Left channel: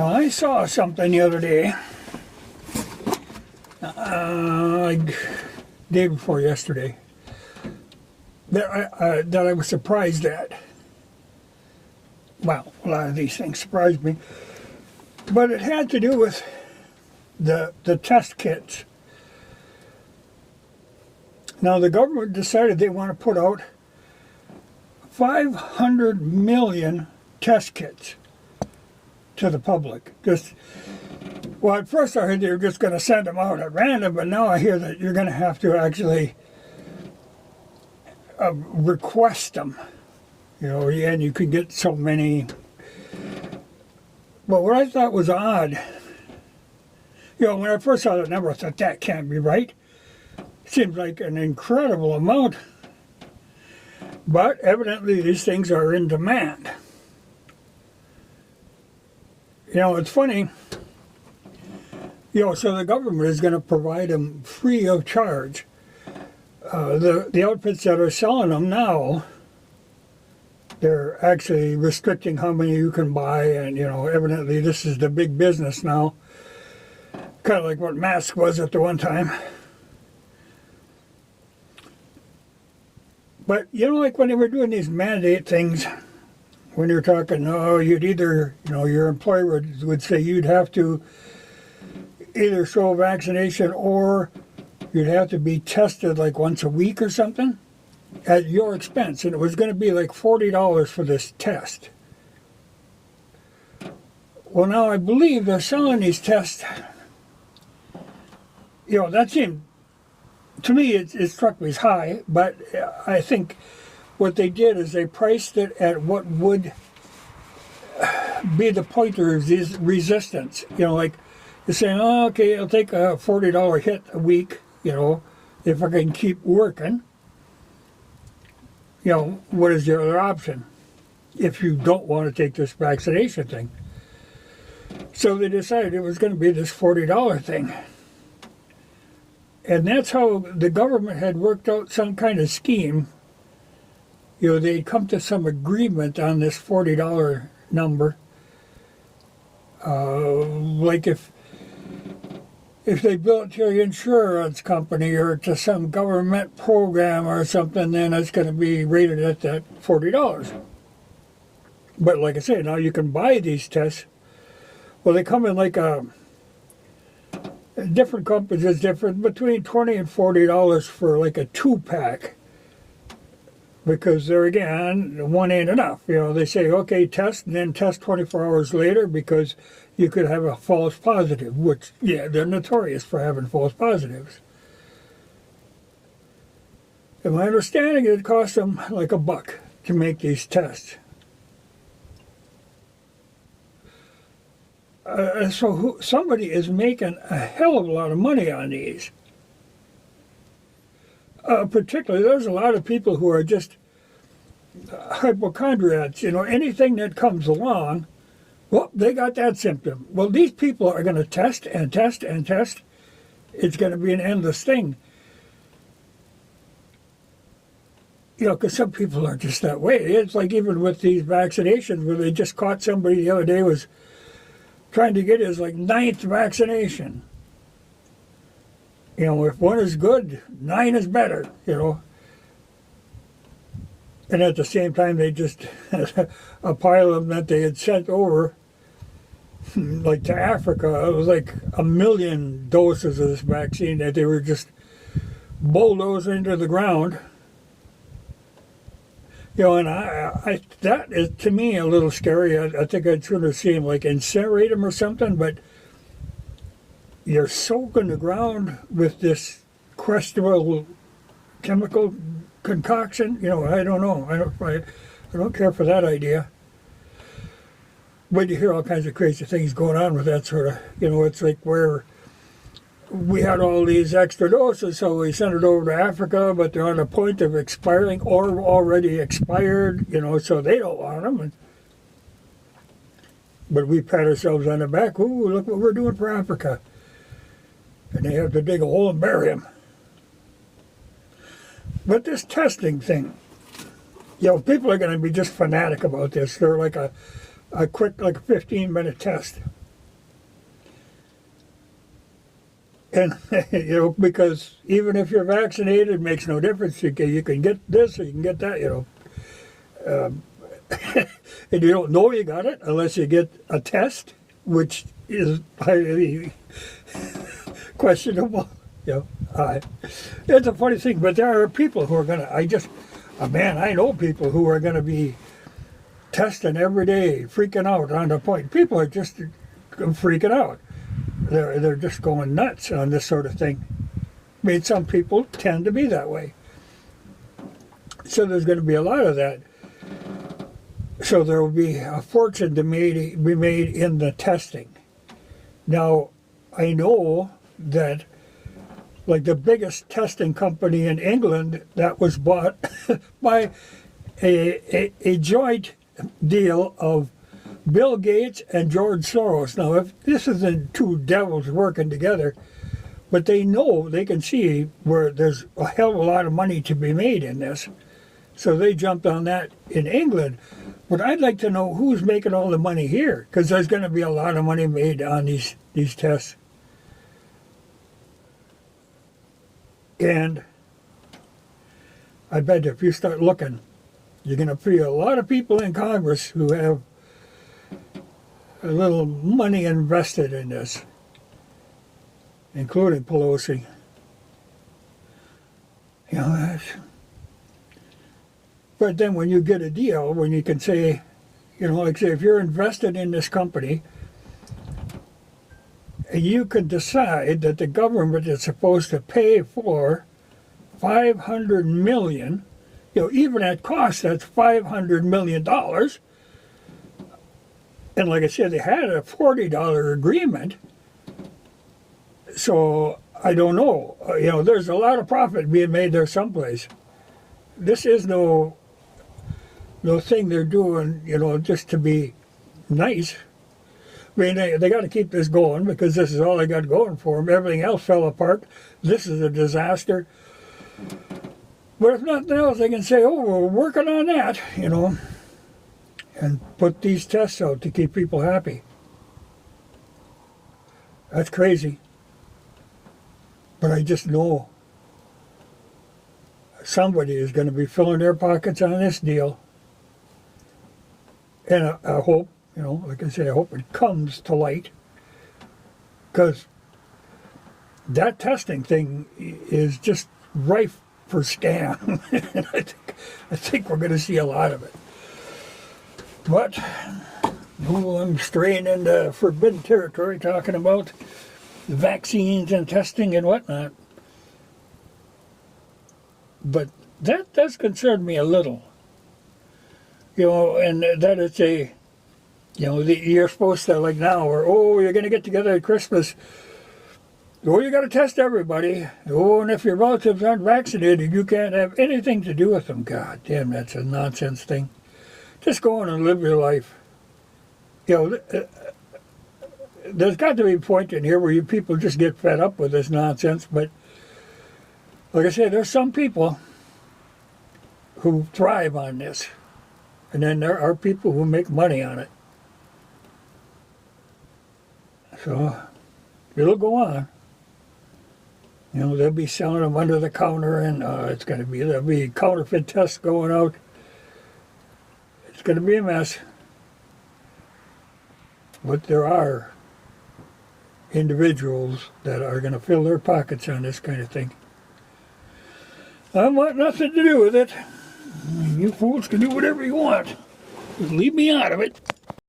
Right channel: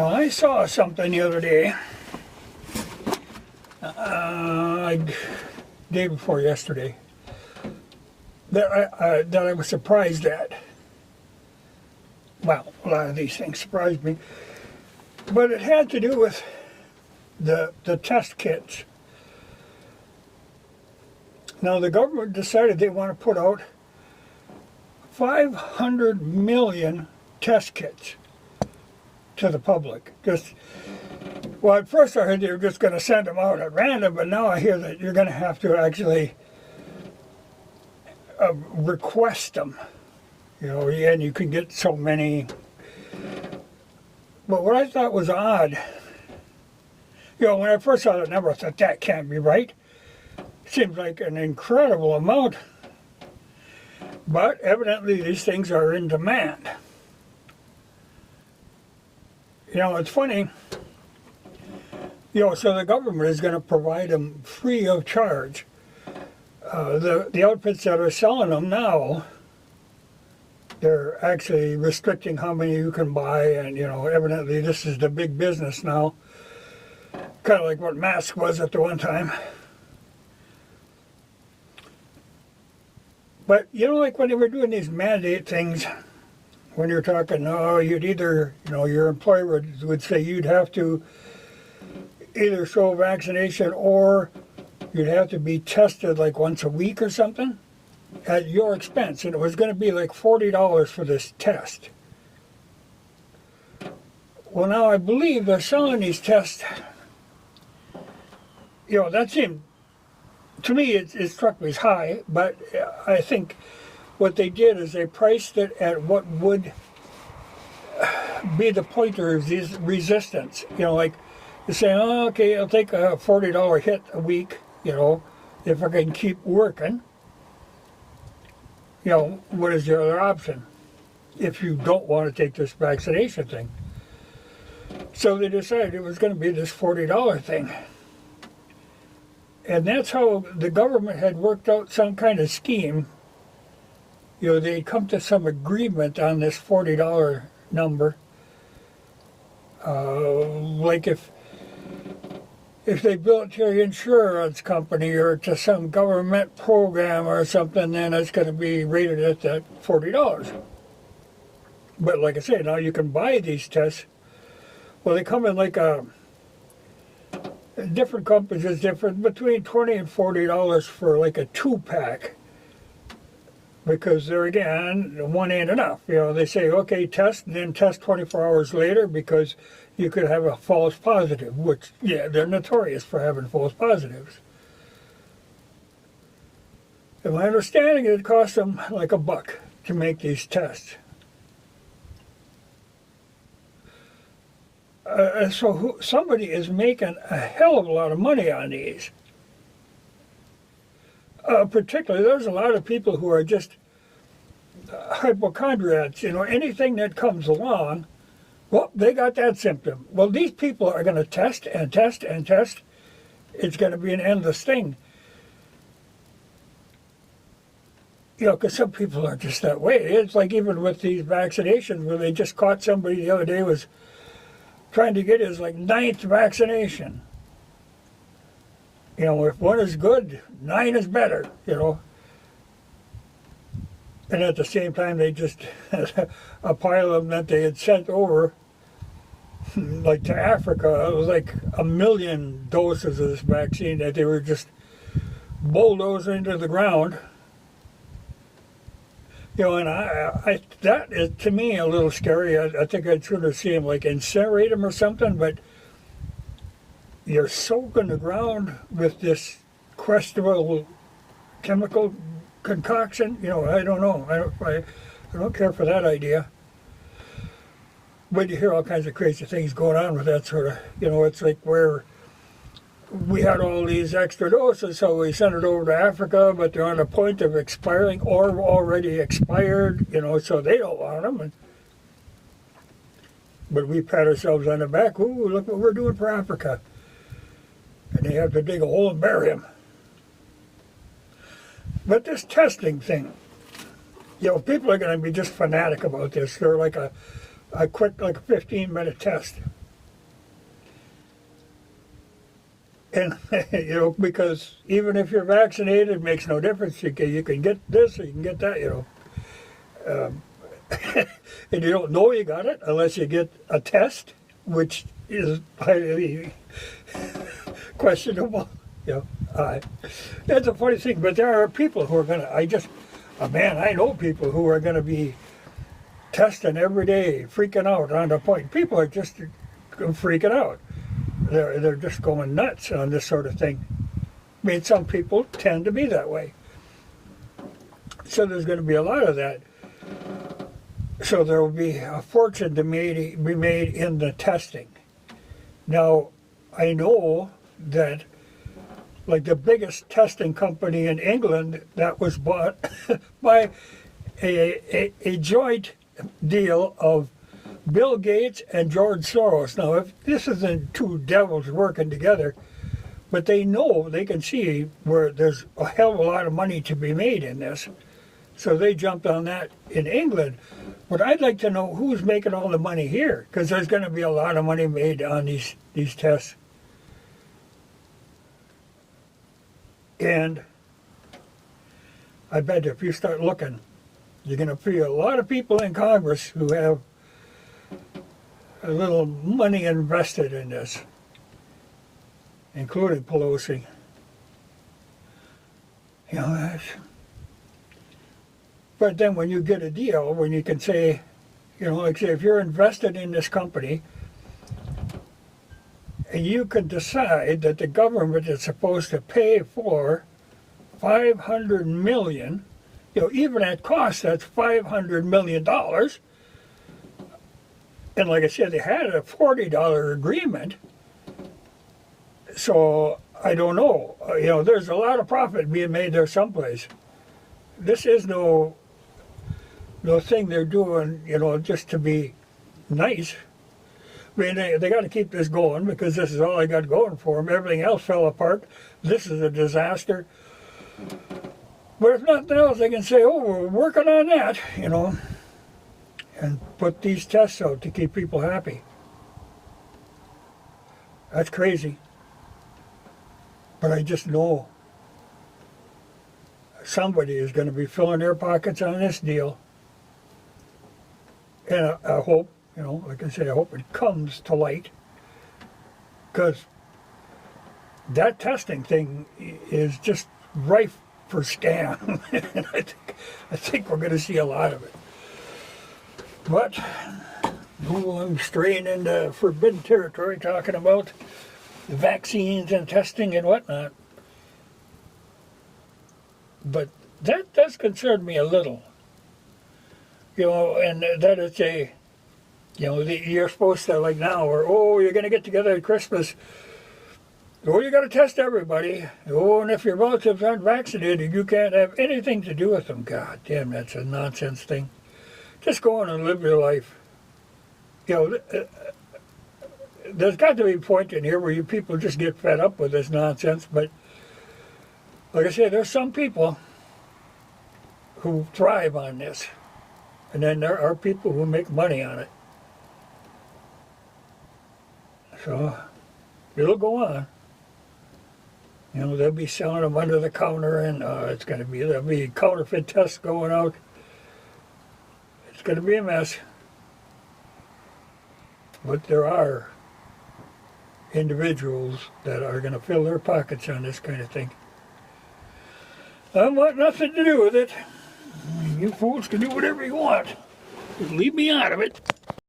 Now, I saw something the other day, day before yesterday, that I was surprised at. Well, a lot of these things surprised me. But it had to do with the test kits. Now, the government decided they want to put out 500 million test kits to the public. Well, at first I heard they were just going to send them out at random, but now I hear that you're going to have to actually request them. You know, and you can get so many. But what I thought was odd, you know, when I first saw the number, I thought that can't be right. Seems like an incredible amount. But evidently these things are in demand. You know, it's funny. You know, so the government is going to provide them free of charge. The outfits that are selling them now, they're actually restricting how many you can buy, and, you know, evidently this is the big business now. Kind of like what mask was at the one time. But, you know, like when they were doing these mandate things, when you're talking, oh, you'd either, you know, your employer would say you'd have to either show vaccination or you'd have to be tested like once a week or something at your expense. And it was going to be like $40 for this test. Well, now I believe they're selling these tests. You know, that seemed, to me, it struck me as high, but I think what they did is they priced it at what would be the point of resistance. You know, like you're saying, oh, okay, I'll take a $40 hit a week, you know, if I can keep working. You know, what is your other option if you don't want to take this vaccination thing? So they decided it was going to be this $40 thing. And that's how the government had worked out some kind of scheme. You know, they'd come to some agreement on this $40 number. Like if they bill it to your insurance company or to some government program or something, then it's going to be rated at that $40. But like I say, now you can buy these tests. Well, they come in like different companies is different, between $20 and $40 for like a 2-pack. Because there again, one ain't enough. You know, they say, okay, test, and then test 24 hours later because you could have a false positive, which, yeah, they're notorious for having false positives. And my understanding is it costs them like $1 to make these tests. So somebody is making a hell of a lot of money on these. Particularly, there's a lot of people who are just hypochondriacs. You know, anything that comes along, well, they got that symptom. Well, these people are going to test and test and test. It's going to be an endless thing. You know, because some people are just that way. It's like even with these vaccinations, where they just caught somebody the other day was trying to get his like 9th vaccination. You know, if 1 is good, 9 is better, you know. And at the same time, they just, a pile of them that they had sent over, like to Africa, it was like 1 million doses of this vaccine that they were just bulldozing into the ground. You know, and that is, to me, a little scary. I think I'd sooner see them like incinerate them or something, but you're soaking the ground with this questionable chemical concoction. You know, I don't know. I don't care for that idea. But you hear all kinds of crazy things going on with that sort of, you know, it's like where we had all these extra doses, so we sent it over to Africa, but they're on the point of expiring or already expired, you know, so they don't want them. But we pat ourselves on the back, ooh, look what we're doing for Africa. And they have to dig a hole and bury them. But this testing thing, you know, people are going to be just fanatic about this. They're like a quick, like a 15-minute test. And, because even if you're vaccinated, it makes no difference. You can get this or you can get that, and you don't know you got it unless you get a test, which is highly questionable. It's a funny thing, but there are people who are going to, I know people who are going to be testing every day, freaking out on the point. People are just freaking out. They're just going nuts on this sort of thing. I mean, some people tend to be that way. So there's going to be a lot of that. So there will be a fortune to be made in the testing. Now, I know that, like the biggest testing company in England, that was bought by a joint deal of Bill Gates and George Soros. Now, if this isn't two devils working together, but they know, they can see where there's a hell of a lot of money to be made in this. So they jumped on that in England. But I'd like to know who's making all the money here, because there's going to be a lot of money made on these tests. And I bet if you start looking, you're going to see a lot of people in Congress who have a little money invested in this, including Pelosi. But then when you get a deal, when you can say, like say if you're invested in this company, and you can decide that the government is supposed to pay for $500 million, even at cost, that's $500 million. And like I said, they had a $40 agreement. So I don't know. There's a lot of profit being made there someplace. This is no thing they're doing, just to be nice. I mean, they got to keep this going because this is all they got going for them. Everything else fell apart. This is a disaster. But if nothing else, they can say, oh, we're working on that, and put these tests out to keep people happy. That's crazy. But I just know somebody is going to be filling their pockets on this deal. And I hope, like I say, I hope it comes to light. Because that testing thing is just rife for scam. And I think we're going to see a lot of it. But I'm straying into forbidden territory talking about vaccines and testing and whatnot. But that does concern me a little. And that it's you're supposed to, like now, or, you're going to get together at Christmas. You got to test everybody. And if your relatives aren't vaccinated, you can't have anything to do with them. God damn, that's a nonsense thing. Just go on and live your life. There's got to be a point in here where people just get fed up with this nonsense. But like I said, there's some people who thrive on this. And then there are people who make money on it. So it'll go on. They'll be selling them under the counter, and there'll be counterfeit tests going out. It's going to be a mess. But there are individuals that are going to fill their pockets on this kind of thing. I want nothing to do with it. You fools can do whatever you want. Just leave me out of it.